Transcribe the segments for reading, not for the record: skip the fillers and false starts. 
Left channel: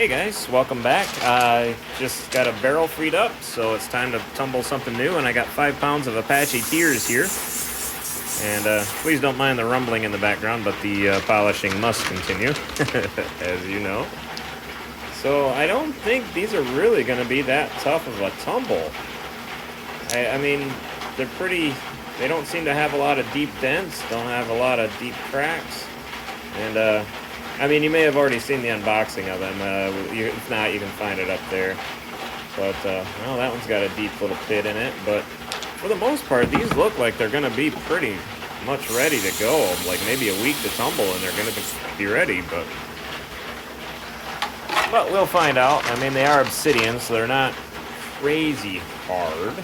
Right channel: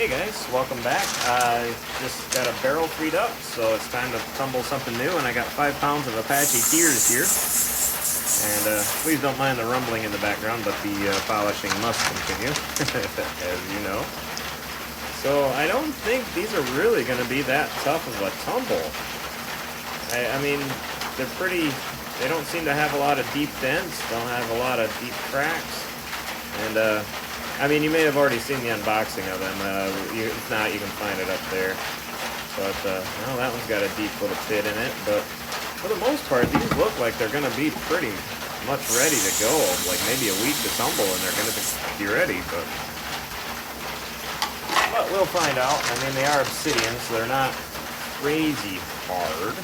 Hey guys, welcome back. I just got a barrel freed up, so it's time to tumble something new, and I got 5 pounds of Apache Tears here. And please don't mind the rumbling in the background, but the polishing must continue, as you know. So I don't think these are really going to be that tough of a tumble. I mean, they don't seem to have a lot of deep dents, don't have a lot of deep cracks. And I mean, you may have already seen the unboxing of them. If not, you can find it up there. But, well, that one's got a deep little pit in it. But for the most part, these look like they're going to be pretty much ready to go. Like maybe a week to tumble and they're going to be ready. But we'll find out. I mean, they are obsidian, so they're not crazy hard.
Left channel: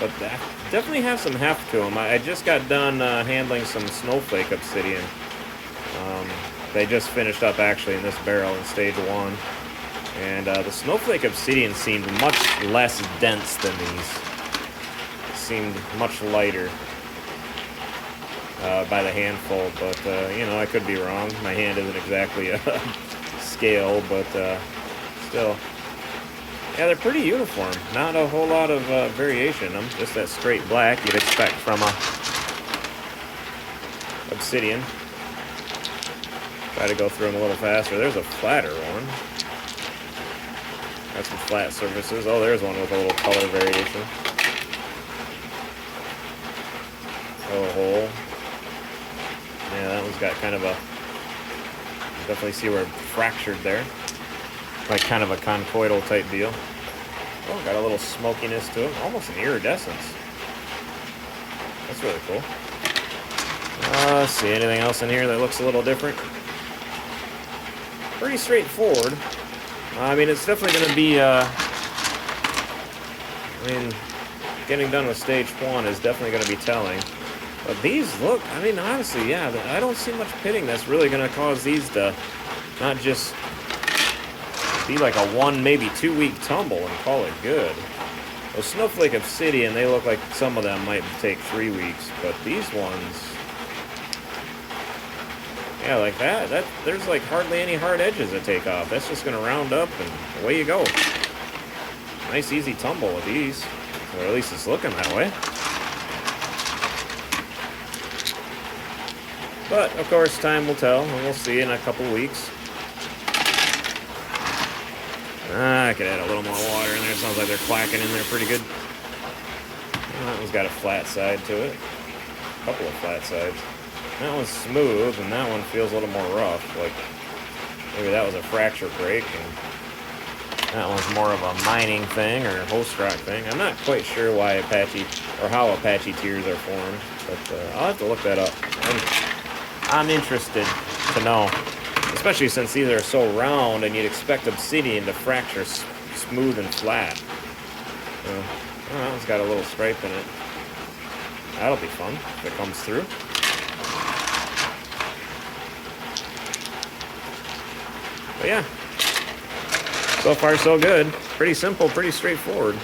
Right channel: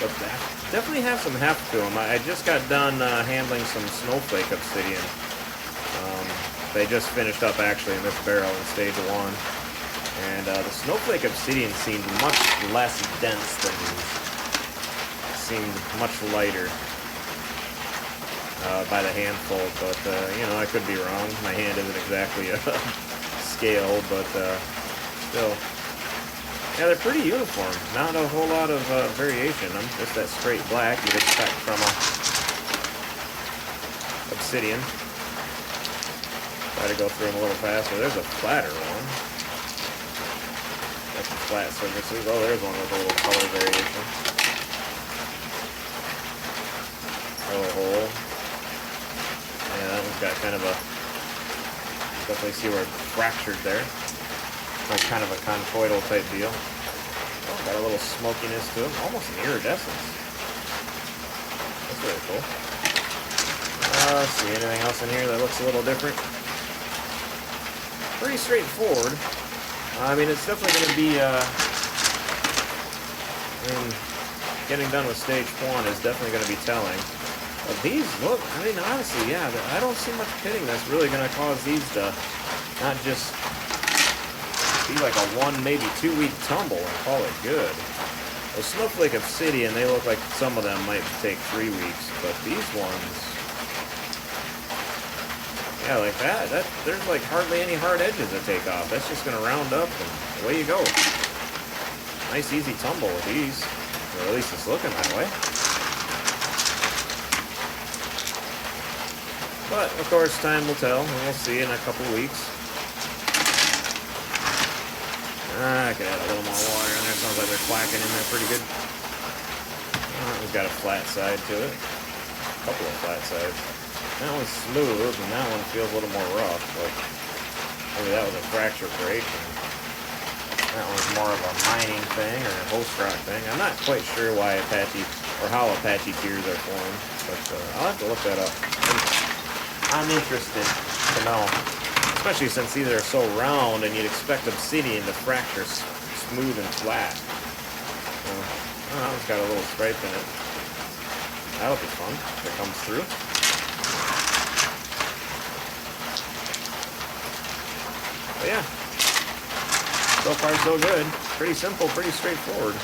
But that definitely have some heft to them. I just got done handling some snowflake obsidian. They just finished up actually in this barrel in stage 1. And the snowflake obsidian seemed much less dense than these. Seemed much lighter by the handful, but you know, I could be wrong. My hand isn't exactly a scale, but still. Yeah, they're pretty uniform. Not a whole lot of variation. I'm just that straight black you'd expect from a obsidian. Try to go through them a little faster. There's a flatter one. Got some flat surfaces. Oh, there's one with a little color variation. Little hole. Yeah, that one's got kind of a... Definitely see where it's fractured there. Like kind of a conchoidal type deal. Oh, got a little smokiness to it. Almost an iridescence. That's really cool. Let's see, anything else in here that looks a little different? Pretty straightforward. I mean, it's definitely going to be, I mean, getting done with stage 1 is definitely going to be telling. But these look, I mean, honestly, yeah, I don't see much pitting that's really going to cause these to not just be like a 1, maybe 2 week tumble and call it good. Well, snowflake obsidian, they look like some of them might take 3 weeks, but these ones, yeah, like that, there's like hardly any hard edges to take off. That's just going to round up and away you go. Nice easy tumble with these, or at least it's looking that way. But of course, time will tell, and we'll see in a couple weeks. I could add a little more water in there. It sounds like they're clacking in there pretty good. That one's got a flat side to it. A couple of flat sides. That one's smooth, and that one feels a little more rough. Like maybe that was a fracture break, and that one's more of a mining thing or a host rock thing. I'm not quite sure why Apache, or how Apache Tears are formed, but I'll have to look that up. I'm interested to know. Especially since these are so round and you'd expect obsidian to fracture smooth and flat. Oh, that one's got a little stripe in it. That'll be fun if it comes through. But yeah, so far so good. Pretty simple, pretty straightforward.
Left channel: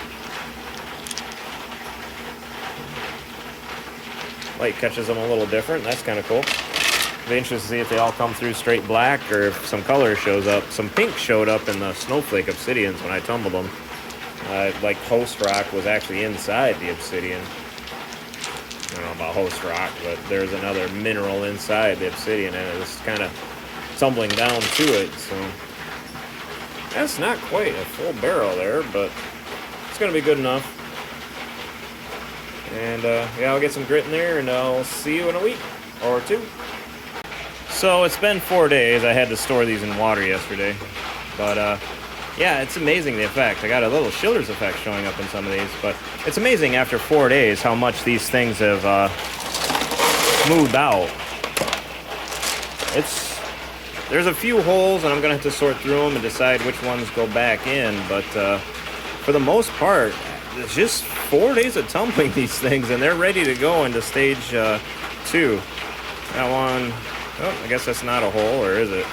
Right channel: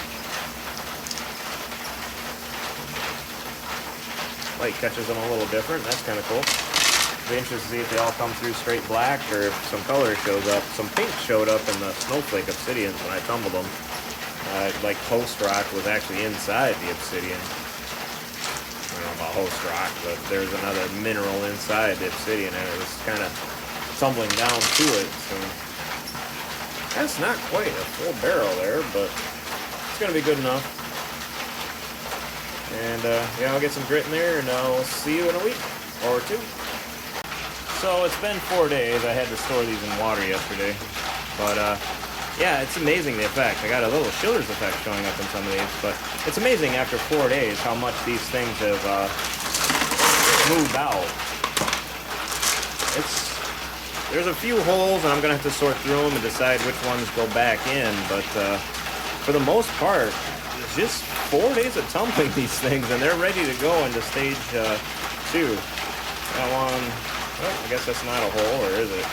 Light catches them a little different. That's kind of cool. Be interested to see if they all come through straight black or if some color shows up. Some pink showed up in the snowflake obsidians when I tumbled them. Like host rock was actually inside the obsidian. I don't know about host rock, but there's another mineral inside the obsidian and it was kind of tumbling down to it. So that's not quite a full barrel there, but it's going to be good enough. And yeah, I'll get some grit in there and I'll see you in a week or 2. So it's been 4 days. I had to store these in water yesterday. But yeah, it's amazing the effect. I got a little Schiller's effect showing up in some of these. But it's amazing after 4 days how much these things have smoothed out. There's a few holes and I'm going to have to sort through them and decide which ones go back in. But for the most part, it's just 4 days of tumbling these things and they're ready to go into stage 2. That one... Oh, I guess that's not a hole, or is it?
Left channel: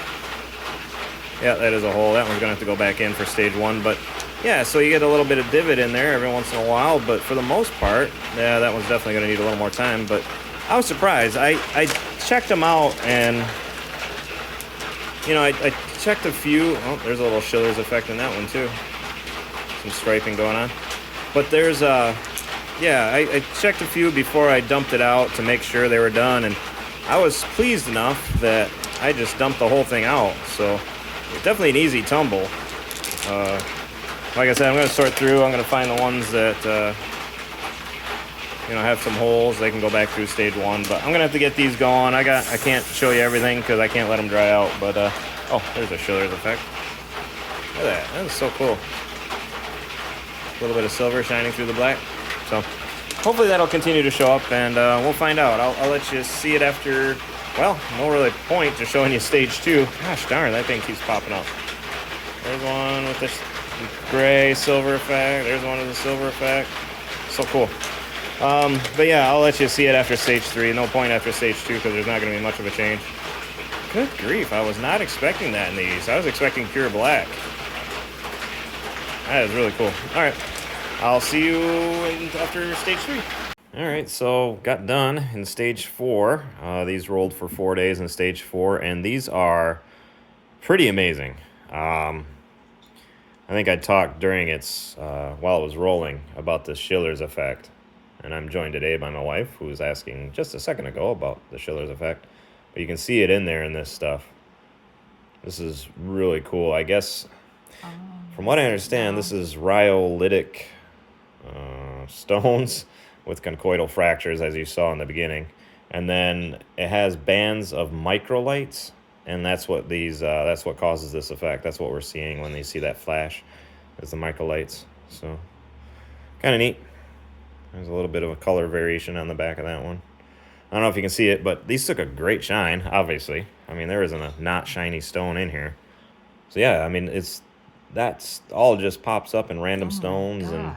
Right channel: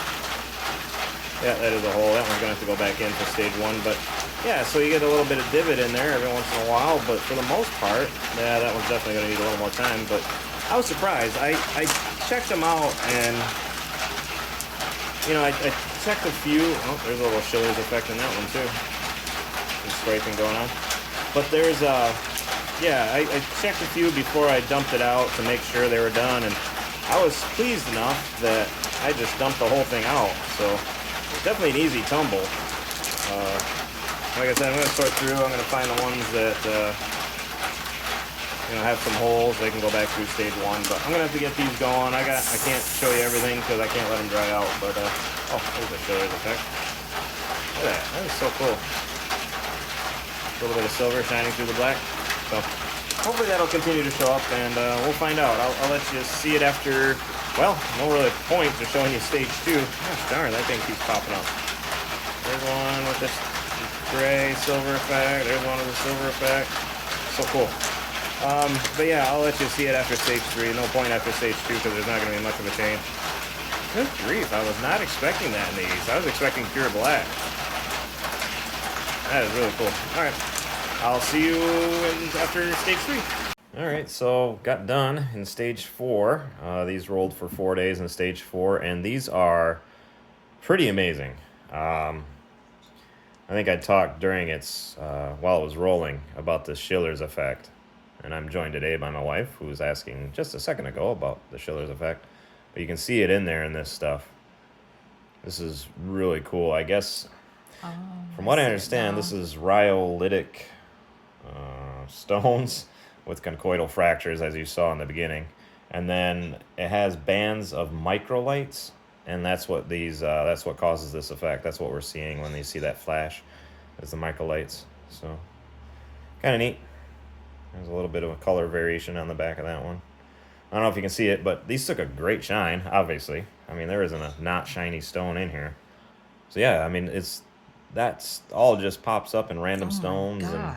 Yeah, that is a hole. That one's going to have to go back in for stage 1. But, yeah, so you get a little bit of divot in there every once in a while. But for the most part, yeah, that one's definitely going to need a little more time. But I was surprised. I checked them out, and I checked a few. Oh, there's a little Schiller's effect in that one too. Some striping going on. But there's yeah, I checked a few before I dumped it out to make sure they were done, and I was pleased enough that I just dumped the whole thing out. So definitely an easy tumble. Like I said, I'm going to sort through. I'm going to find the ones that have some holes. They can go back through stage one, but I'm going to have to get these going. I can't show you everything because I can't let them dry out. But oh, there's a Schiller's effect. Look at that. That is so cool. A little bit of silver shining through the black. So hopefully that'll continue to show up, and we'll find out. I'll let you see it after. Well, no really point to showing you stage 2. Gosh darn, that thing keeps popping up. There's one with this gray silver effect. There's one with the silver effect. So cool. But yeah, I'll let you see it after stage 3. No point after stage 2 because there's not going to be much of a change. Good grief, I was not expecting that in these. I was expecting pure black. That is really cool. All right, I'll see you after stage 3. All right, so got done in stage 4. These rolled for 4 days in stage 4, and these are pretty amazing. I think I talked during its, while it was rolling, about the Schiller's effect. And I'm joined today by my wife, who was asking just a second ago about the Schiller's effect. But you can see it in there in this stuff. This is really cool. I guess, from what I understand, this is rhyolitic stones with conchoidal fractures, as you saw in the beginning. And then it has bands of microlights. And that's what that's what causes this effect. That's what we're seeing when you see that flash, is the microlights. So, kind of neat. There's a little bit of a color variation on the back of that one. I don't know if you can see it, but these took a great shine, obviously. I mean, there isn't a not shiny stone in here. So yeah, I mean, that's all just pops up in random stones. And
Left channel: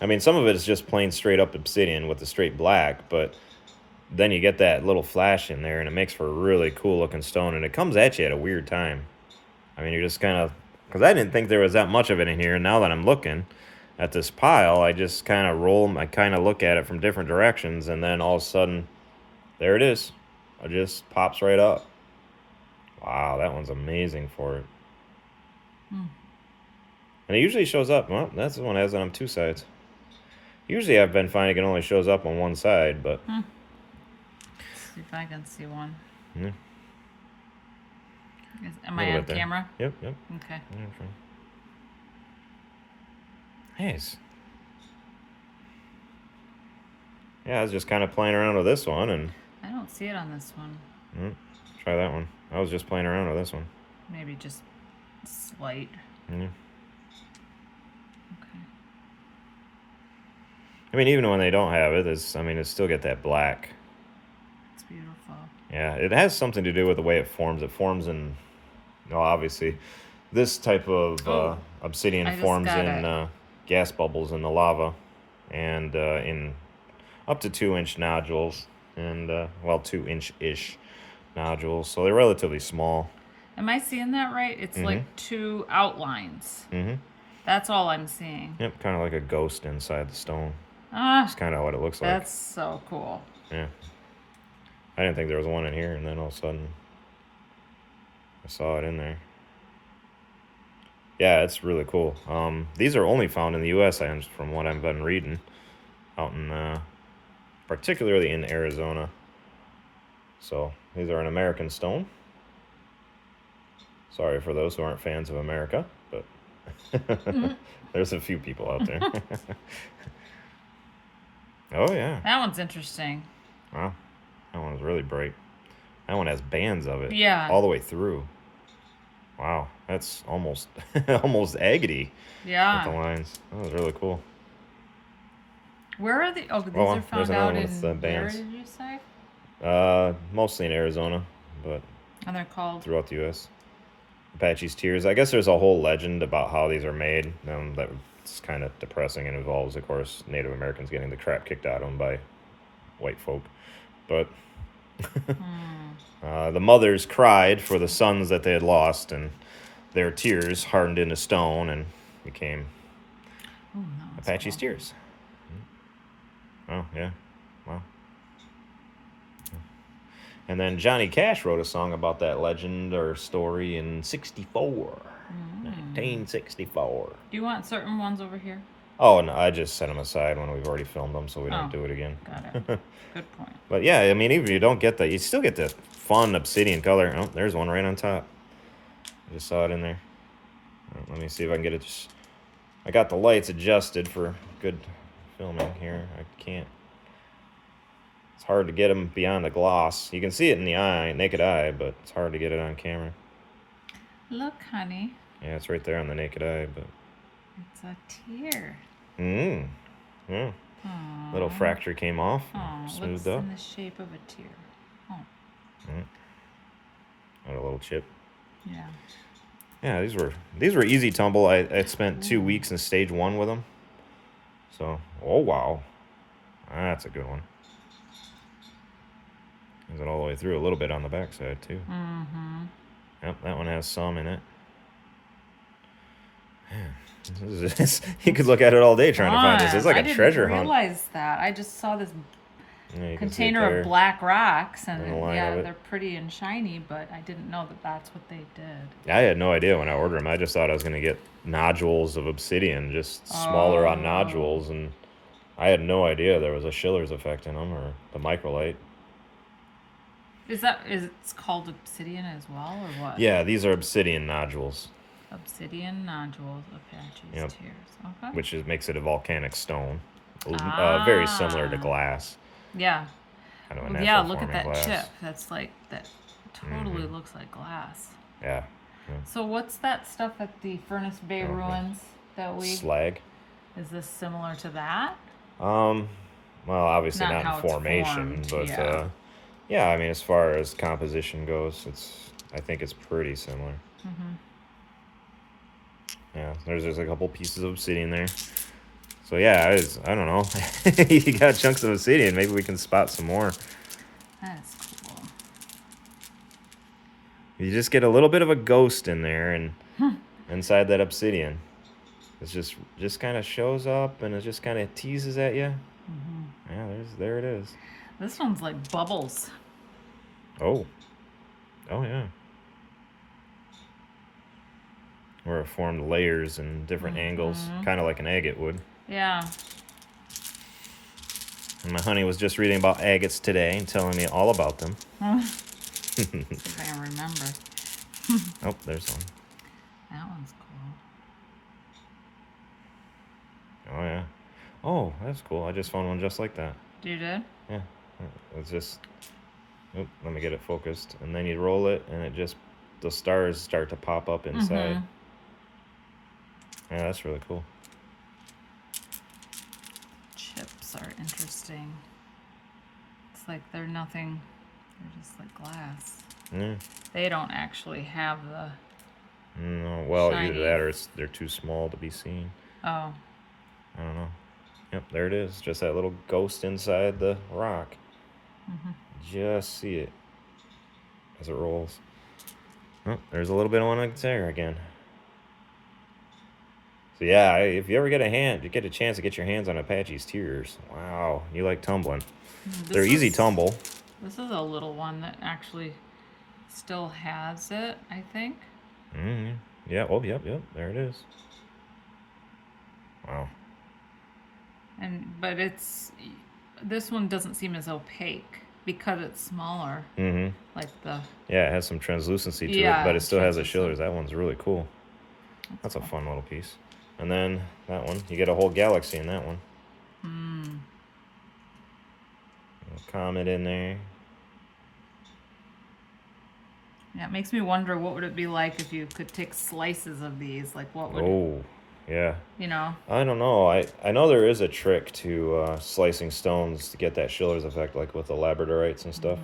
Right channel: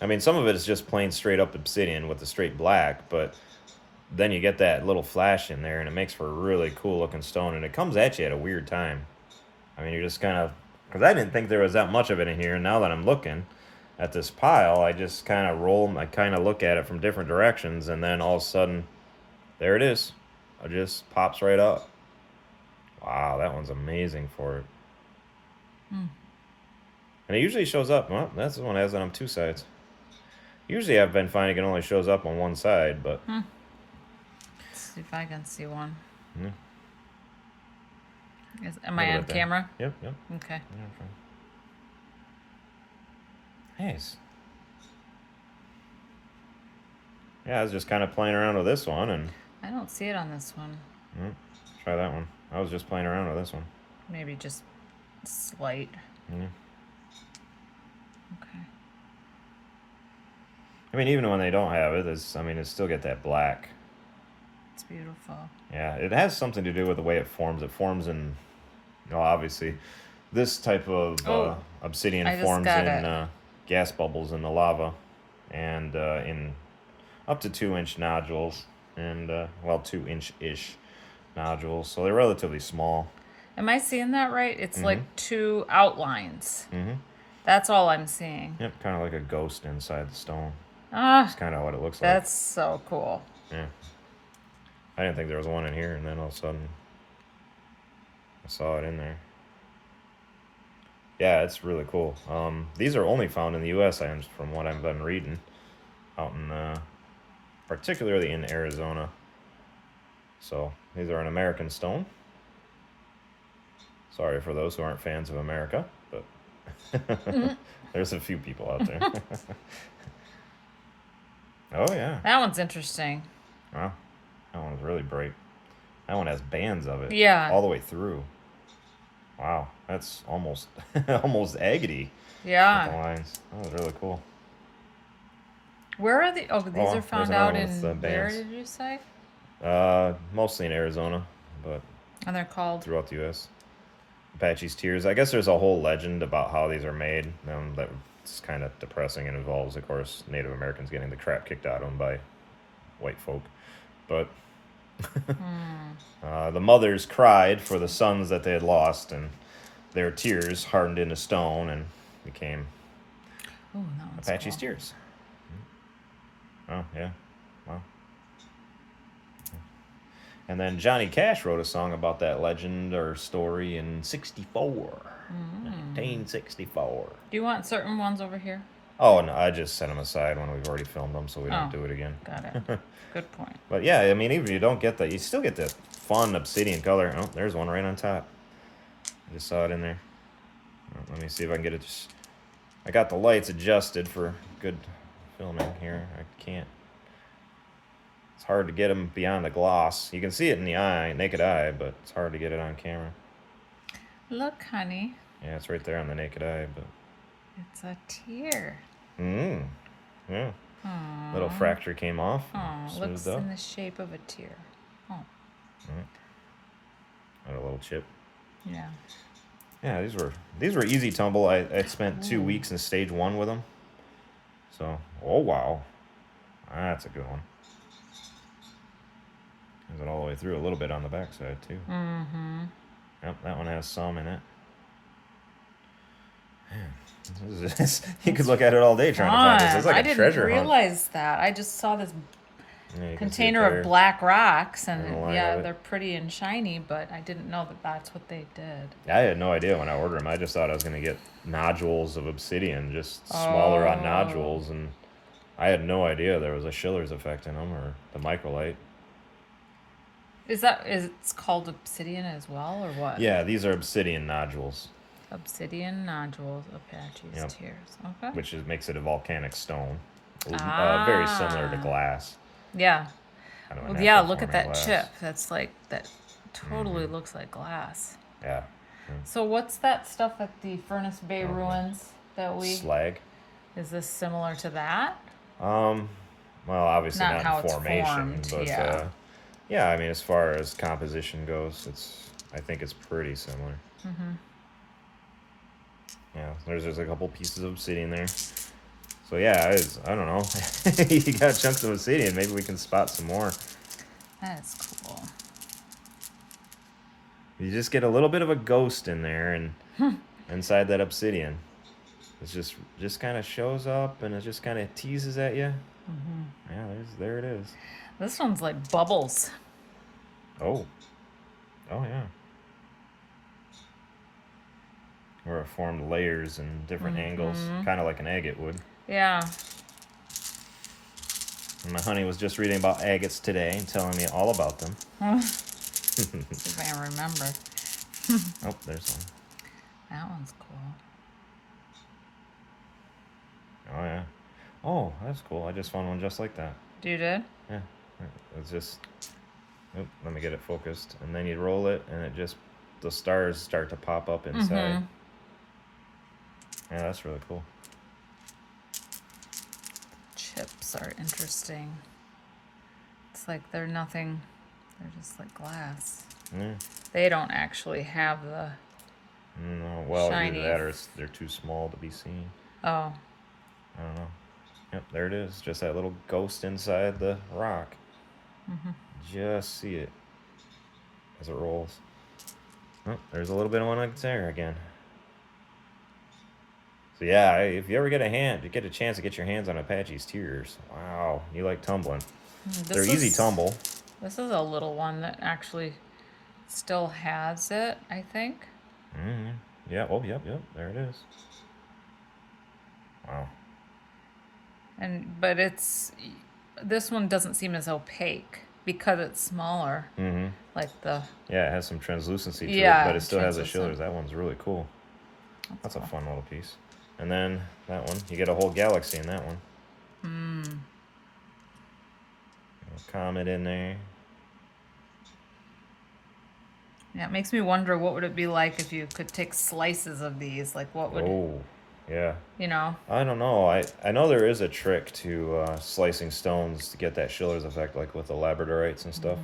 I mean, some of it is just plain straight up obsidian with the straight black, but then you get that little flash in there, and it makes for a really cool looking stone, and it comes at you at a weird time. I mean, you're just kind of, because I didn't think there was that much of it in here, and now that I'm looking at this pile, I just kind of I kind of look at it from different directions, and then all of a sudden, there it is. It just pops right up. Wow, that one's amazing for it. And it usually shows up, well, that's the one that has it on 2 sides. Usually I've been finding it only shows up on 1 side, but... See if I can see one. Mm-hmm. Am I on camera? Yep. Okay. Nice. Yeah, I was just kind of playing around with this one, and... I don't see it on this one. Try that one. I was just playing around with this one. Maybe just slight. Mm-hmm. Okay. I mean, even when they don't have it, it's still get that black. It's beautiful. Yeah, it has something to do with the way it forms. It forms in, obviously, this type of obsidian forms in gas bubbles in the lava, and in up to 2-inch nodules, and 2-inch-ish nodules. So they're relatively small. Am I seeing that right? It's like 2 outlines. Mm-hmm. That's all I'm seeing. Yep, kind of like a ghost inside the stone. That's kind of what it looks like. That's so cool. Yeah. I didn't think there was one in here, and then all of a sudden I saw it in there. Yeah, it's really cool. These are only found in the U.S., from what I've been reading, out in, particularly in Arizona. So, these are an American stone. Sorry for those who aren't fans of America, but there's a few people out there. Oh, yeah. That one's interesting. Wow. That one's really bright. That one has bands of it. Yeah. All the way through. Wow. That's almost agate. Yeah. With the lines. That was really cool. Where are the... Oh, these are found out in... Where did you say? Mostly in Arizona, but... And they're called? Throughout the U.S. Apaches Tears. I guess there's a whole legend about how these are made. That's kind of depressing and involves, of course, Native Americans getting the crap kicked out of them by white folk. But the mothers cried for the sons that they had lost, and their tears hardened into stone and became Apaches Tears. Oh, yeah. Wow. And then Johnny Cash wrote a song about that legend or story in 64. 1964. Do you want certain ones over here? Oh, no, I just set them aside when we've already filmed them so we don't do it again. Got it. Good point. But yeah, I mean, even if you don't get you still get the fun obsidian color. Oh, there's one right on top. I just saw it in there. Well, let me see if I can get it. I got the lights adjusted for good filming here. I can't. It's hard to get them beyond the gloss. You can see it in the eye, naked eye, but it's hard to get it on camera. Look, honey. Yeah, it's right there on the naked eye, but... It's a tear. Yeah. Aww. Little fracture came off. Oh, looks in the shape of a tear. Oh. Got a little chip. Yeah. Yeah, these were easy tumble. I spent 2 weeks in stage 1 with them. So, oh wow. That's a good one. Is it all the way through a little bit on the backside too. Yep, that one has some in it. Man, you could look at it all day trying to find this. It's like a treasure hunt. I didn't realize that. I just saw this container of black rocks, and yeah, they're pretty and shiny, but I didn't know that that's what they did. I had no idea when I ordered them. I just thought I was going to get nodules of obsidian, just smaller on nodules, and I had no idea there was a Schiller's effect in them or the microlite. It's called obsidian as well, or what? Yeah, these are obsidian nodules. Obsidian nodules, Apaches Tears. Okay. Which makes it a volcanic stone. Very similar to glass. Yeah. Kind of look at that glass. chip. That's like, that totally looks like glass. Yeah. So what's that stuff at the Furnace Bay ruins that Slag. Is this similar to that? Well, obviously not in formation, but yeah, I mean, as far as composition goes, I think it's pretty similar. Yeah, there's a couple pieces of obsidian there. So yeah, I don't know. You got chunks of obsidian. Maybe we can spot some more. That's cool. You just get a little bit of a ghost in there, and inside that obsidian, it just kind of shows up, and it just kind of teases at you. Yeah, there it is. This one's like bubbles. Oh yeah. Where it formed layers and different angles, kind of like an agate would. Yeah. And my honey was just reading about agates today and telling me all about them. I can't remember. Oh, there's one. That one's cool. Oh, yeah. Oh, that's cool. I just found one just like that. You did? Yeah. It's just... Oh, let me get it focused. And then you roll it, and the stars start to pop up inside. Yeah, that's really cool. Chips are interesting. It's like they're nothing. They're just like glass. They don't actually have the... No, well, shiny. either that or they're too small to be seen. Oh. I don't know. Yep, there it is. Just that little ghost inside the rock. Just see it as it rolls. Oh, there's a little bit of one there again. So yeah, if you ever get a chance to get your hands on Apaches Tears, wow, you like tumbling. They're easy tumble. This is a little one that actually still has it, I think. Yeah, oh, yep, there it is. Wow. But this one doesn't seem as opaque because it's smaller. Like yeah, it has some translucency to it, but it still has a Schiller's. That one's really cool. That's cool. A fun little piece. And then that one, you get a whole galaxy in that one. A comet in there. Yeah, it makes me wonder what would it be like if you could take slices of these. Like what would... yeah. You know? I don't know. I know there is a trick to slicing stones to get that Schiller's effect, like with the labradorites and stuff.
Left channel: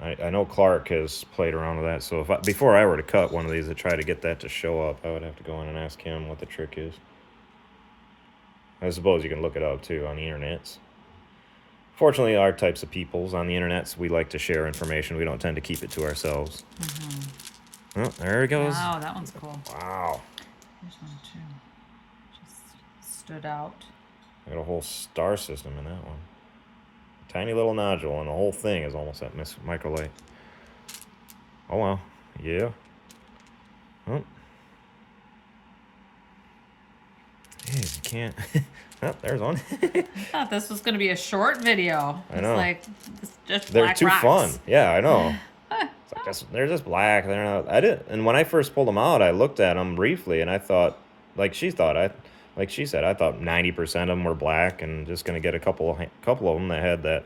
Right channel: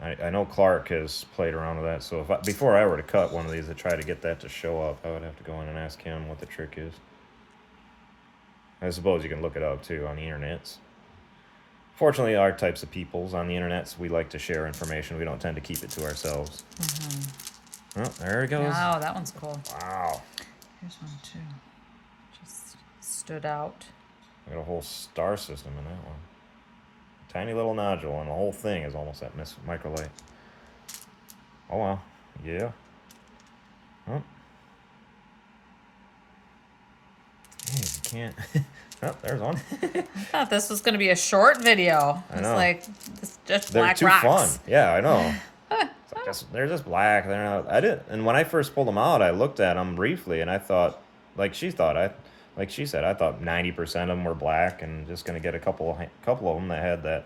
I know Clark has played around with that, so before I were to cut one of these to try to get that to show up, I would have to go in and ask him what the trick is. I suppose you can look it up, too, on the internets. Fortunately, our types of peoples on the internets, we like to share information. We don't tend to keep it to ourselves. Oh, there it goes. Wow, that one's cool. Wow. There's one, too. Just stood out. I got a whole star system in that one. Tiny little nodule, and the whole thing is almost that microlight. Oh, well. Yeah. Oh. Jeez, you can't. Oh, there's one. I thought this was going to be a short video. I It's know. like just They're black too rocks. fun. Yeah, I know. They're just black. They're not. I did. And when I first pulled them out, I looked at them briefly, and I thought, like she said, I thought 90% of them were black, and just gonna get a couple of them that had that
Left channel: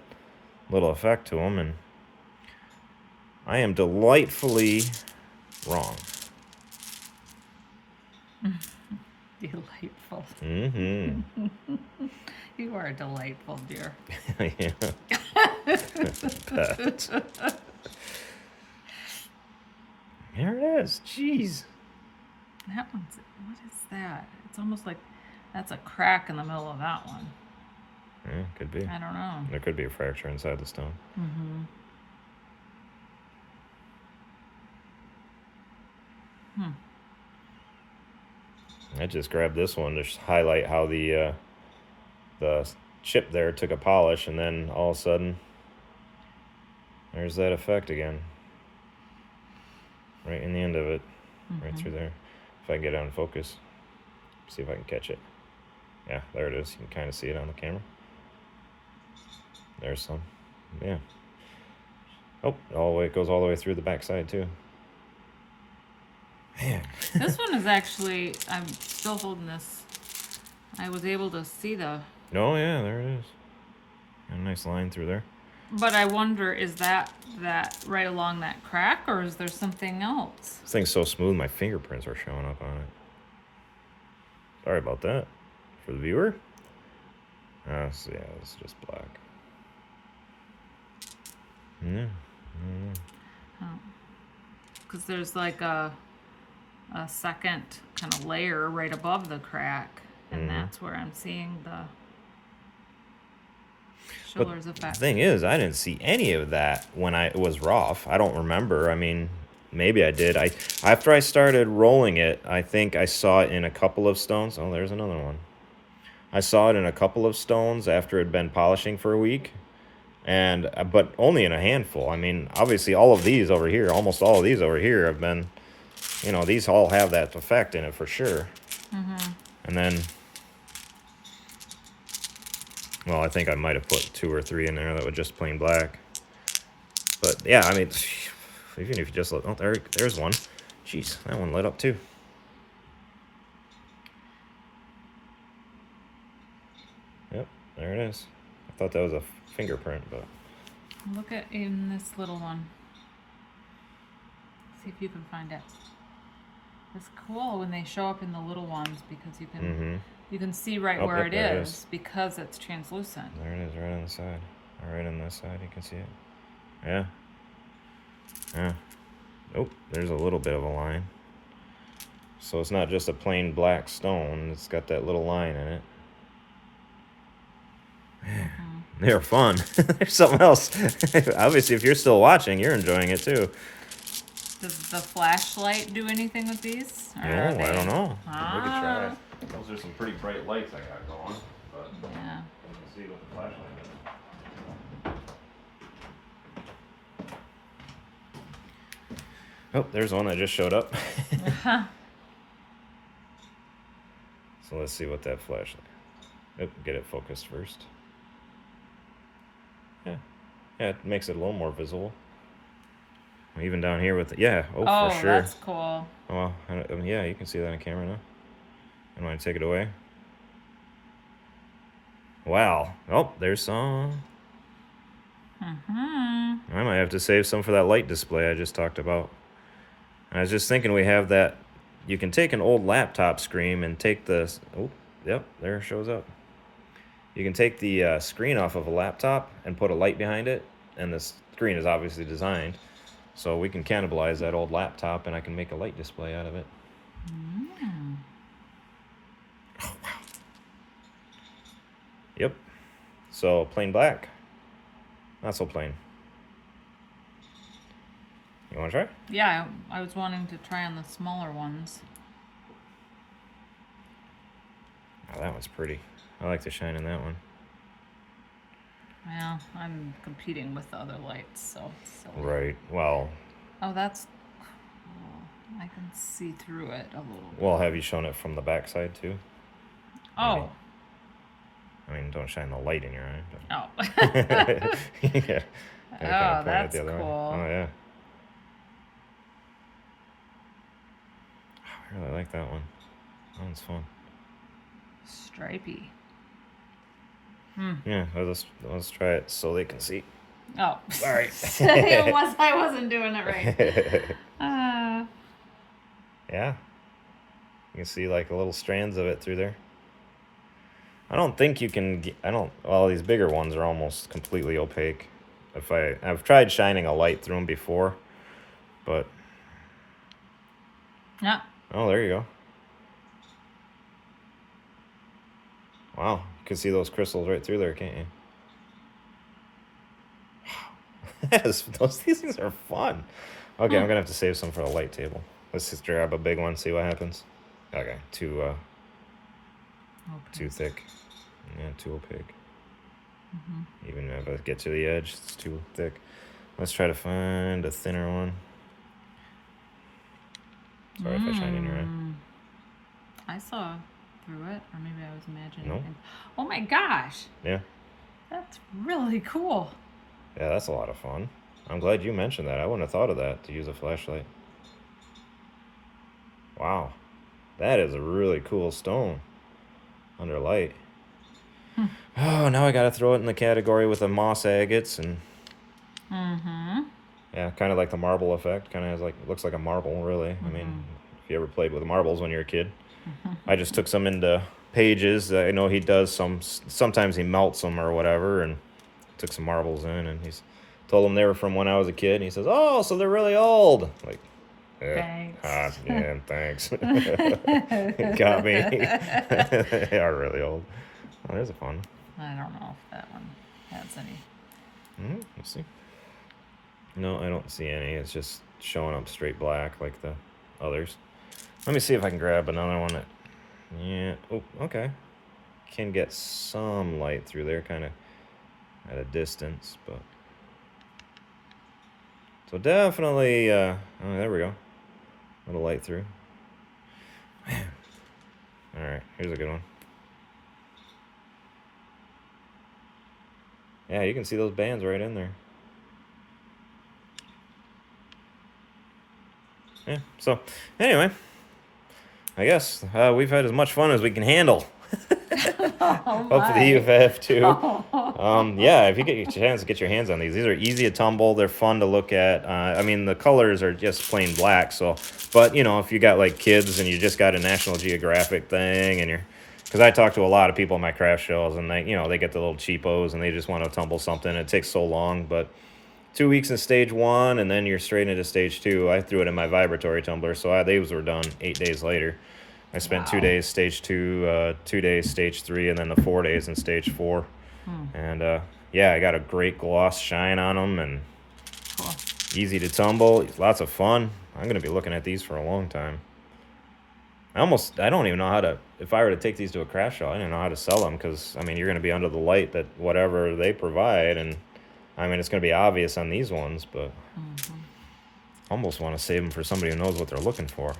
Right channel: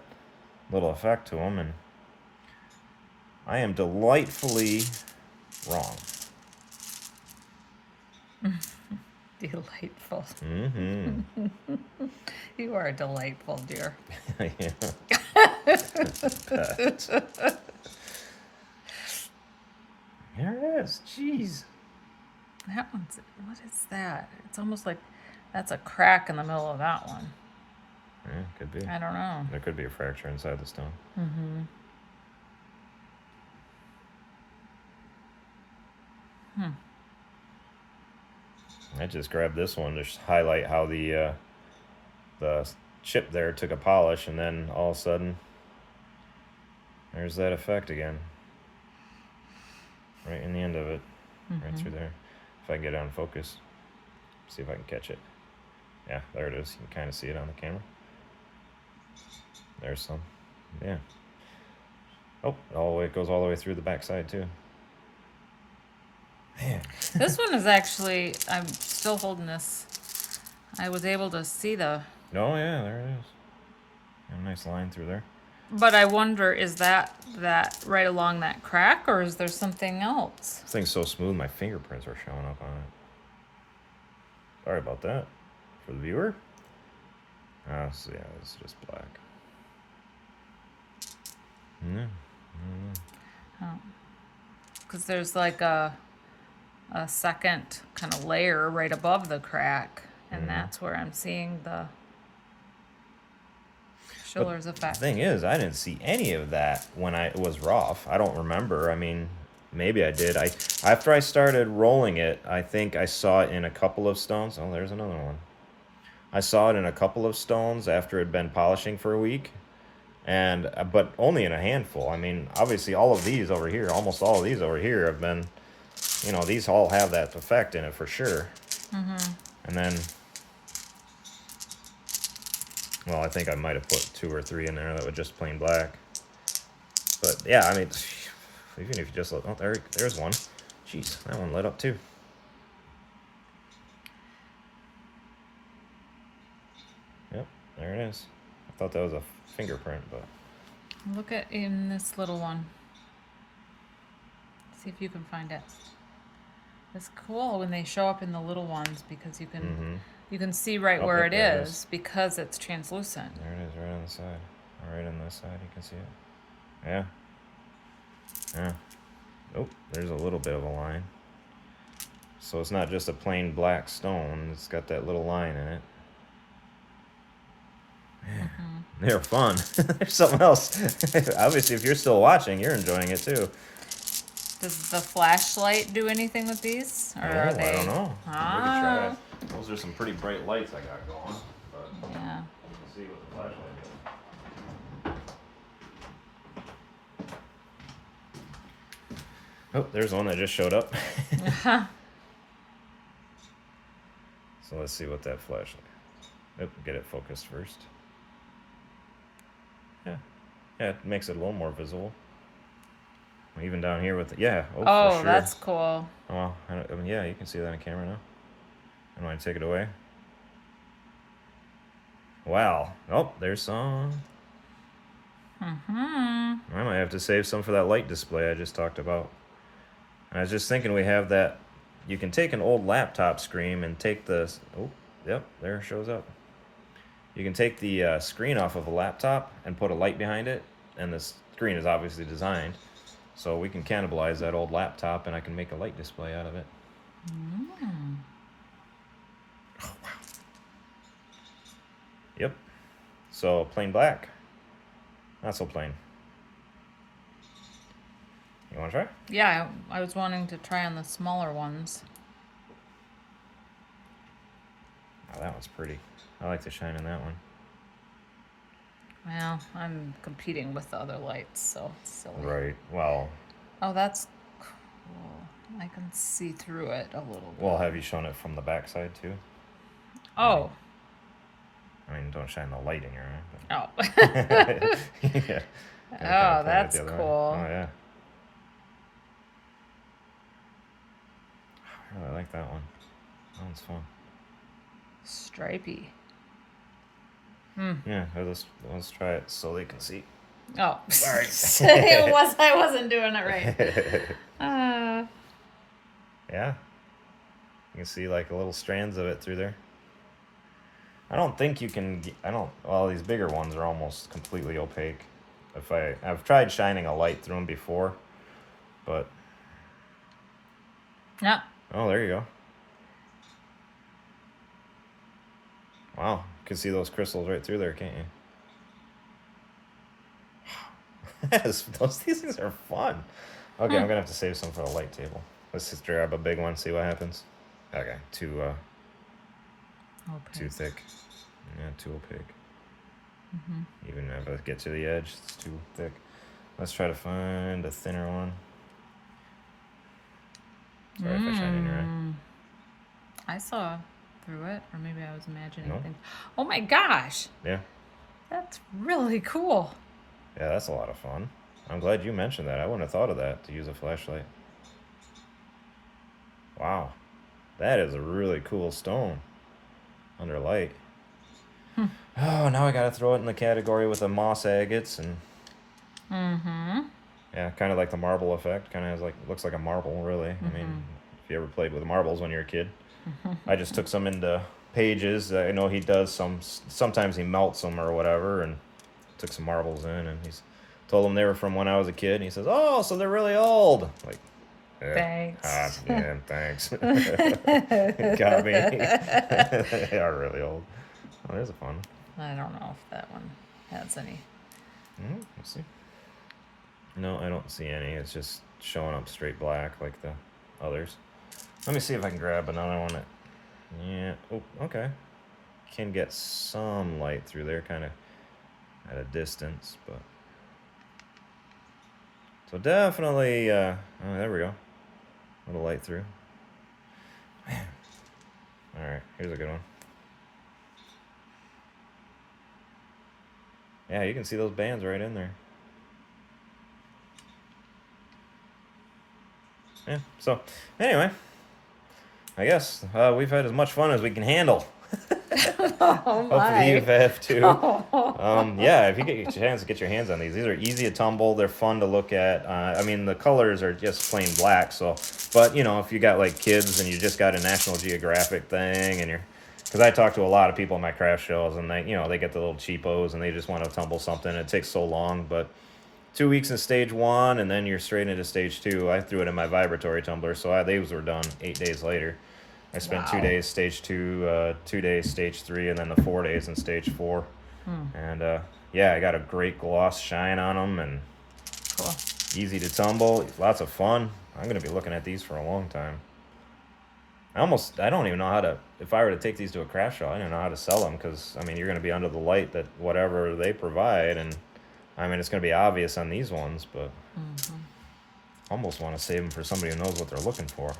little effect to them, and I am delightfully wrong. Delightful. Mm-hmm. You are delightful, dear. Yeah. There it is. Jeez. That one's, what is that? It's almost like that's a crack in the middle of that one. Yeah, could be. I don't know. There could be a fracture inside the stone. Mm-hmm. I just grabbed this one to highlight how the chip there took a polish, and then all of a sudden, there's that effect again. Right in the end of it. Mm-hmm. Right through there. If I can get it on focus. See if I can catch it. Yeah, there it is. You can kind of see it on the camera. There's some. Yeah. Oh, it goes all the way through the backside too. Man. This one is actually, I'm still holding this. I was able to see the... Oh, yeah, there it is. A nice line through there. But I wonder, is that right along that crack, or is there something else? This thing's so smooth, my fingerprints are showing up on it. Sorry about that. For the viewer? Oh, so yeah, it's just black. Yeah. Because there's like a second kind of layer right above the crack, and that's where I'm seeing the Schiller's effect. The thing is, I didn't see any of that when it was rough. I don't remember. I mean, maybe I did. After I started rolling it, I think I saw it in a couple of stones. Oh, there's another one. I saw it in a couple of stones after it had been polishing for a week, but only in a handful. I mean, obviously, all of these over here, almost all of these over here have been, these all have that effect in it for sure. Mm-hmm. And then, well, I think I might have put 2 or 3 in there that were just plain black. But yeah, I mean, even if you just look, oh, there's one. Jeez, that one lit up too. Yep, there it is. I thought that was a fingerprint, but... Look at in this little one. See if you can find it. It's cool when they show up in the little ones because you can see right where it is because it's translucent. There it is, right on the side. Right on this side, you can see it. Yeah. Yeah. Oh, there's a little bit of a line. So it's not just a plain black stone. It's got that little line in it. Man, they're fun. There's something else. Obviously, if you're still watching, you're enjoying it too. Does the flashlight do anything with these? Or I don't know. Ah. We could try. Those are some pretty bright lights I got going. But Yeah. let's see what the flashlight is. Oh, there's one that just showed up. So let's see what that flashlight. Oh, get it focused first. Yeah, it makes it a little more visible. Even down here with it, yeah. Oh, for sure. That's cool. Oh, yeah, you can see that on camera now. I want to take it away. Wow. Oh, there's some. I might have to save some for that light display I just talked about. And I was just thinking we have that. You can take an old laptop screen and take the... Oh, yep, there it shows up. You can take the screen off of a laptop and put a light behind it. And the screen is obviously designed. So we can cannibalize that old laptop and I can make a light display out of it. Oh, wow. Yep. So plain black. Not so plain. You want to try? Yeah, I was wanting to try on the smaller ones. Oh, that one's pretty. I like the shine in that one. Well, I'm competing with the other lights, so it's silly. Right. Well. Oh, that's cool. I can see through it a little bit. Well, have you shown it from the backside too? Oh. I mean, don't shine the light in your eye. Oh. Yeah. Oh, that's cool. Oh, yeah. I really like that one. That one's fun. Stripey. Yeah, let's try it so they can see. Oh. Sorry. I wasn't doing it right. Yeah. You can see like little strands of it through there. I don't think you can, well, these bigger ones are almost completely opaque. I've tried shining a light through them before, but. Yeah. Oh, there you go. Wow, you can see those crystals right through there, can't you? Yes, these things are fun. Okay, I'm gonna have to save some for the light table. Let's just grab a big one, see what happens. Okay, too thick. Yeah, too opaque. Even if I get to the edge, it's too thick. Let's try to find a thinner one. Sorry if I shine in your eye. I saw through it, or maybe I was imagining No? things. Oh my gosh! Yeah. That's really cool. Yeah, that's a lot of fun. I'm glad you mentioned that. I wouldn't have thought of that, to use a flashlight. Wow. That is a really cool stone under light. Oh, now I gotta throw it in the category with the moss agates and... Yeah, kind of like the marble effect. Kind of has like, looks like a marble, really. I mean, if you ever played with marbles when you were a kid. I just took some into Pages. I know he does sometimes he melts them or whatever, and took some marbles in, and he's told them they were from when I was a kid, and he says, oh, so they're really old. Like, Thanks. yeah, thanks. Got me. They are really old. Oh, there's a fun. I don't know if that one has any. Let's see. No, I don't see any. It's just showing up straight black like the others. Let me see if I can grab another one that... Yeah. Oh, okay. Can get some light through there, kind of at a distance, but... So definitely... Oh, there we go. A little light through. Man. Alright, here's a good one. Yeah, you can see those bands right in there. Yeah, so anyway, I guess we've had as much fun as we can handle. Hopefully you have too. Yeah, if you get your chance to get your hands on these are easy to tumble. They're fun to look at. I mean, the colors are just plain black. So, but you know, if you got like kids and you just got a National Geographic thing, and because I talk to a lot of people at my craft shows, and they get the little cheapos and they just want to tumble something. It takes so long, but 2 weeks in stage 1, and then you're straight into stage 2. I threw it in my vibratory tumbler, so these were done 8 days later. I spent 2 days stage 2, 2 days stage 3, and then the 4 days in stage 4. And yeah, I got a great gloss shine on them, and Cool. Easy to tumble, lots of fun. I'm gonna be looking at these for a long time. I don't even know how to, if I were to take these to a craft show, I don't know how to sell them, because I mean, you're gonna be under the light that whatever they provide, and I mean, it's going to be obvious on these ones, but I almost want to save them for somebody who knows what they're looking for.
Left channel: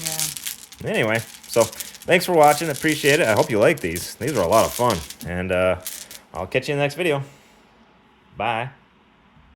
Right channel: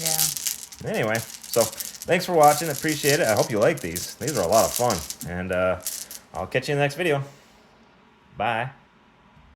Yeah. Anyway, so thanks for watching. Appreciate it. I hope you like these. These are a lot of fun. And I'll catch you in the next video. Bye.